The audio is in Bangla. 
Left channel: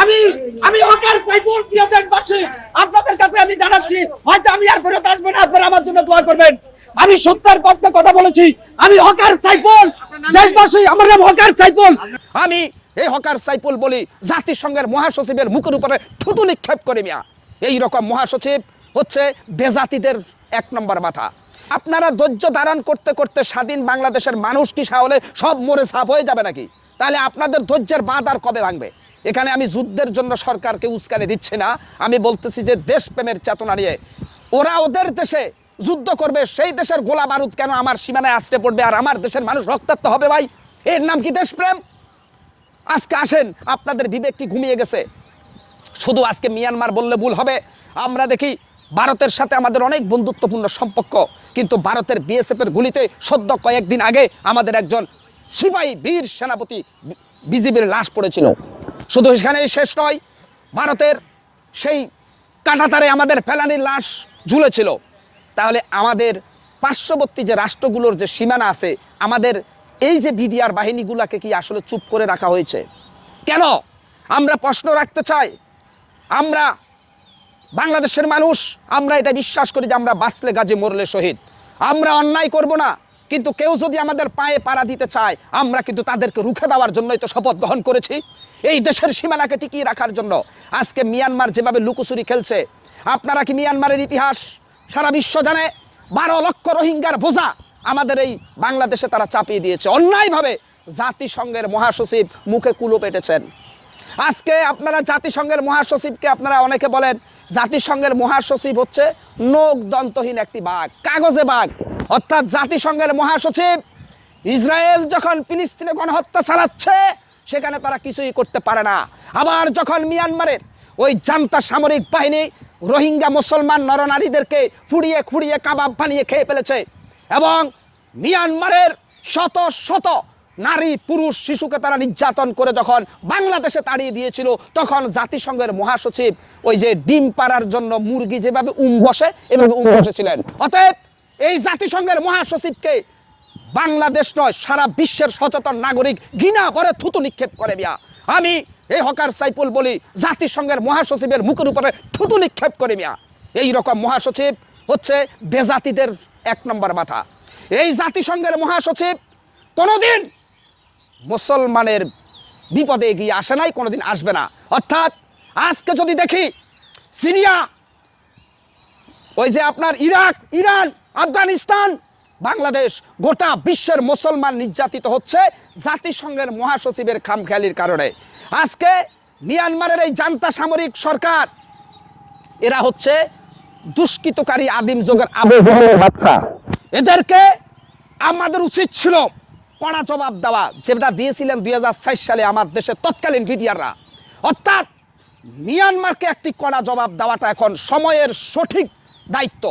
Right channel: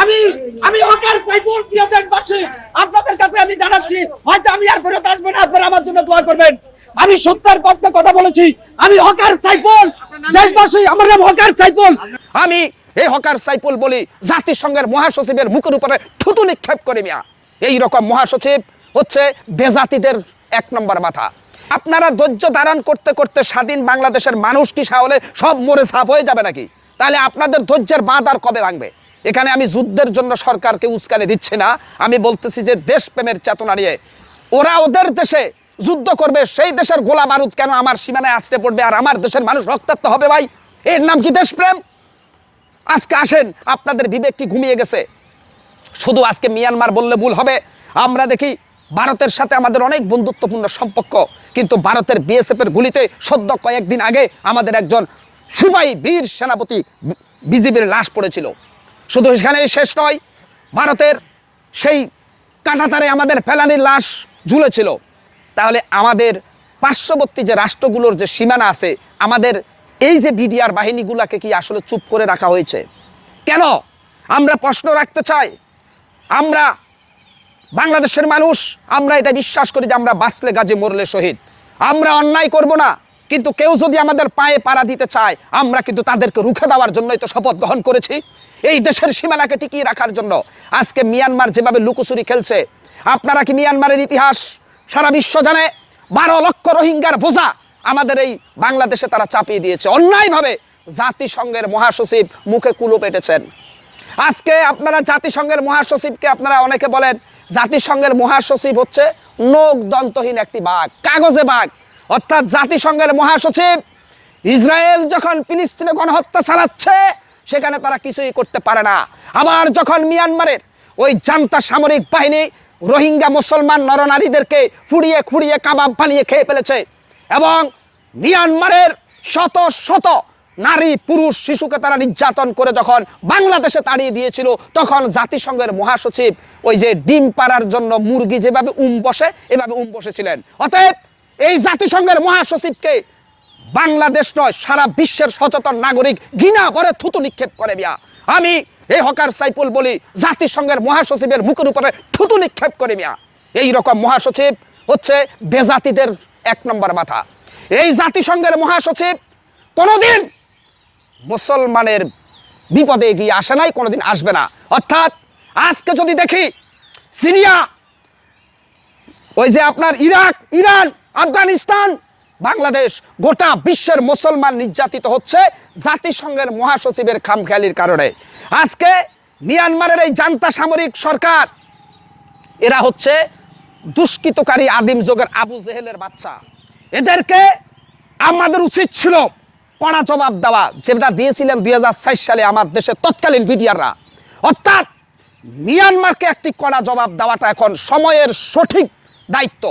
আমি আমি প্রিয় আপনাদের কাছে আমি জানাচ্ছি হয়তো আমি আর আসব না আমার জন্য করবেন আমি সত্যের পক্ষে কথা বলেছি। আমি হকার সাইফুল, দেশবাসী, আমার নাম হকার সাইফুল। আমি এই হকার সাইফুল বলি জাতিসংঘের মহাসচিবের মুখের উপরে থুতু নিক্ষেপ করে মিয়া। এই রকম মহাসচিব হচ্ছে বেজাতিদের এক নম্বর মাথা। আপনারা ধৈর্য ধারণ করতে করতে স্বাধীন বাংলাদেশের মানুষ কি সাহলে সব মরে সাফ হয়ে যাবে নাকি? তাহলে আপনাদের ধৈর্যের বাঁধ আর কবে ভাঙবে? এখানে আমি যুদ্ধের জন্য সরকারকে উস্কানি দিচ্ছি না। আমি বলতেছি যে দেশপ্রেমের চেতনা নিয়ে। ওরা ওদের দেশে যুদ্ধ করবে, সেই দেশের গোলা বারুদ কেন আমার সীমানায় আসতে পড়বে আর আমার দেশের মানুষ রক্তাক্ত হবে ভাই? এর নাম কি দেশপ্রেম? আজকে আসেন, আপনাদের বিবেক কি ঘুমিয়ে গেছে? শুধু আজকে মিয়ানমার বললে ভুল হবে। আমরা দেখি ভারতের সাথে আমাদের অনেক বন্ধুত্বপূর্ণ সম্পর্ক, কিন্তু ভারতের বিএসএফ এর গুলিতে সদ্য কয়েকদিন আগে আমাদের একজন সিপাহী বীর সেনাপতি বিজেপির লাশ পড়েছিল। শুধু এখানেই শেষ নয়, ভারতের সেই কাটাতারে আমাদের ফেলানির লাশ ঝুলেছিল। তাহলে আমাদের পার্শ্ববর্তী যে রাষ্ট্রগুলোর যে সীমানা আছে, আমাদের এই যে বিডিআর বাহিনীগুলোকে কি আসলে চুপ করে রাখা হয়েছে? কেন? আমরা প্রশ্ন রাখতে চাই। আমরা বাংলাদেশের মানুষ, আমরা এটা বিশ্বাস করি যে আমরা বাঁচলে গাজে মরলে শহীদ। আমরা অন্যায় করব না, কিন্তু কেউ যদি আমাদের পায়ে পাড়া দিতে চায়, আমরা কিন্তু তাদেরকে রুখে দেওয়ার জন্যই তো শপথ গ্রহণ করেছি। এই দেশের সীমানাকে টিকিয়ে রাখার জন্য আজকে মিয়ানমার যেভাবে লুকোচুরি খেলছে, আপনারা কি মিয়ানমারের ইতিহাস সারা বিশ্ব জানে? বারো লক্ষ রোহিঙ্গার বোঝা আমাদের এই বাংলাদেশে তারা চাপিয়ে দিয়েছে। অন্যায়ভাবে জাতিসংঘের মহাসচিব মুখে কুলো পেটেছেন। আজকে আপনারা জাতিসংঘের মহাসচিবকে আপনারা অনেকে বলেন, জাতিসংঘের মহাসচিব হচ্ছে নোক দন্তহীন একটি বাঘ, কাগজে বাঘ। অর্থাৎ জাতিসংঘের মহাসচিব ইসরায়েল যখন ফিলিস্তিনে গণহত্যা চালাচ্ছে, সেখানে তারা কিছুই করতে পারে না। আবার যখন মিয়ানমারের ওই জান্তা সামরিক বাহিনী রোহিঙ্গা মুসলমান নরনারীদেরকে ফুড়িয়ে খুঁড়িয়ে কাবাব বানিয়ে খেয়ে ফেলেছে এবং মিয়ানমারের শত শত নারী, পুরুষ, শিশুকে তারা নির্যাতন করে যখন বাংলাদেশে তাড়িয়ে দিয়েছিল, তখন জাতিসংঘের মহাসচিব ওই যে ডিম পাড়ার জন্য মুরগি যেভাবে উম বসে, এভাবে উম বসেছিলেন অতএব এই জাতিসংঘের মহাসচিবকে বাংলাদেশ নয়, সারা বিশ্বের সচেতন নাগরিক ঘৃণা ভরে থুতু নিক্ষেপ করে মিয়া। আমি এই হকার সাইফুল বলি, জাতিসংঘের মহাসচিবের মুখের উপরে থুতু নিক্ষেপ করে মিয়া। এই রকম মহাসচিব হচ্ছে বেজাতিদের এক নম্বর মাথা। এই জাতিসংঘের মহাসচিব কোনোদিন মুসলমানের বিপদে এগিয়ে আসে নাই, কোনোদিন আসবে না। অর্থাৎ আজকে যদি দেখি সিরিয়া, ওই যে আপনার ইরাক, ইরান, আফগানিস্তান, বাংলাদেশ, গোটা বিশ্বের মুসলমান নির্যাতিত হচ্ছে জাতিসংঘের মহাসচিবের খামখেয়ালির কারণে। আজকে মিয়ানমারের এই জান্তা সামরিক সরকার, এরা হচ্ছে দুষ্কৃতকারী আদিম যুগের আবু বাচ্চা। এদেরকে আমাদের উচিত ছিল কড়া জবাব দেওয়া। যেটা দিয়েছিলেন দুই হাজার সালে আমার দেশের তৎকালীন বিডিয়াররা অর্থাৎ মিয়ানমারকে একটি কড়া জবাব দেওয়াটা এখন সময়ের সঠিক দায়িত্ব।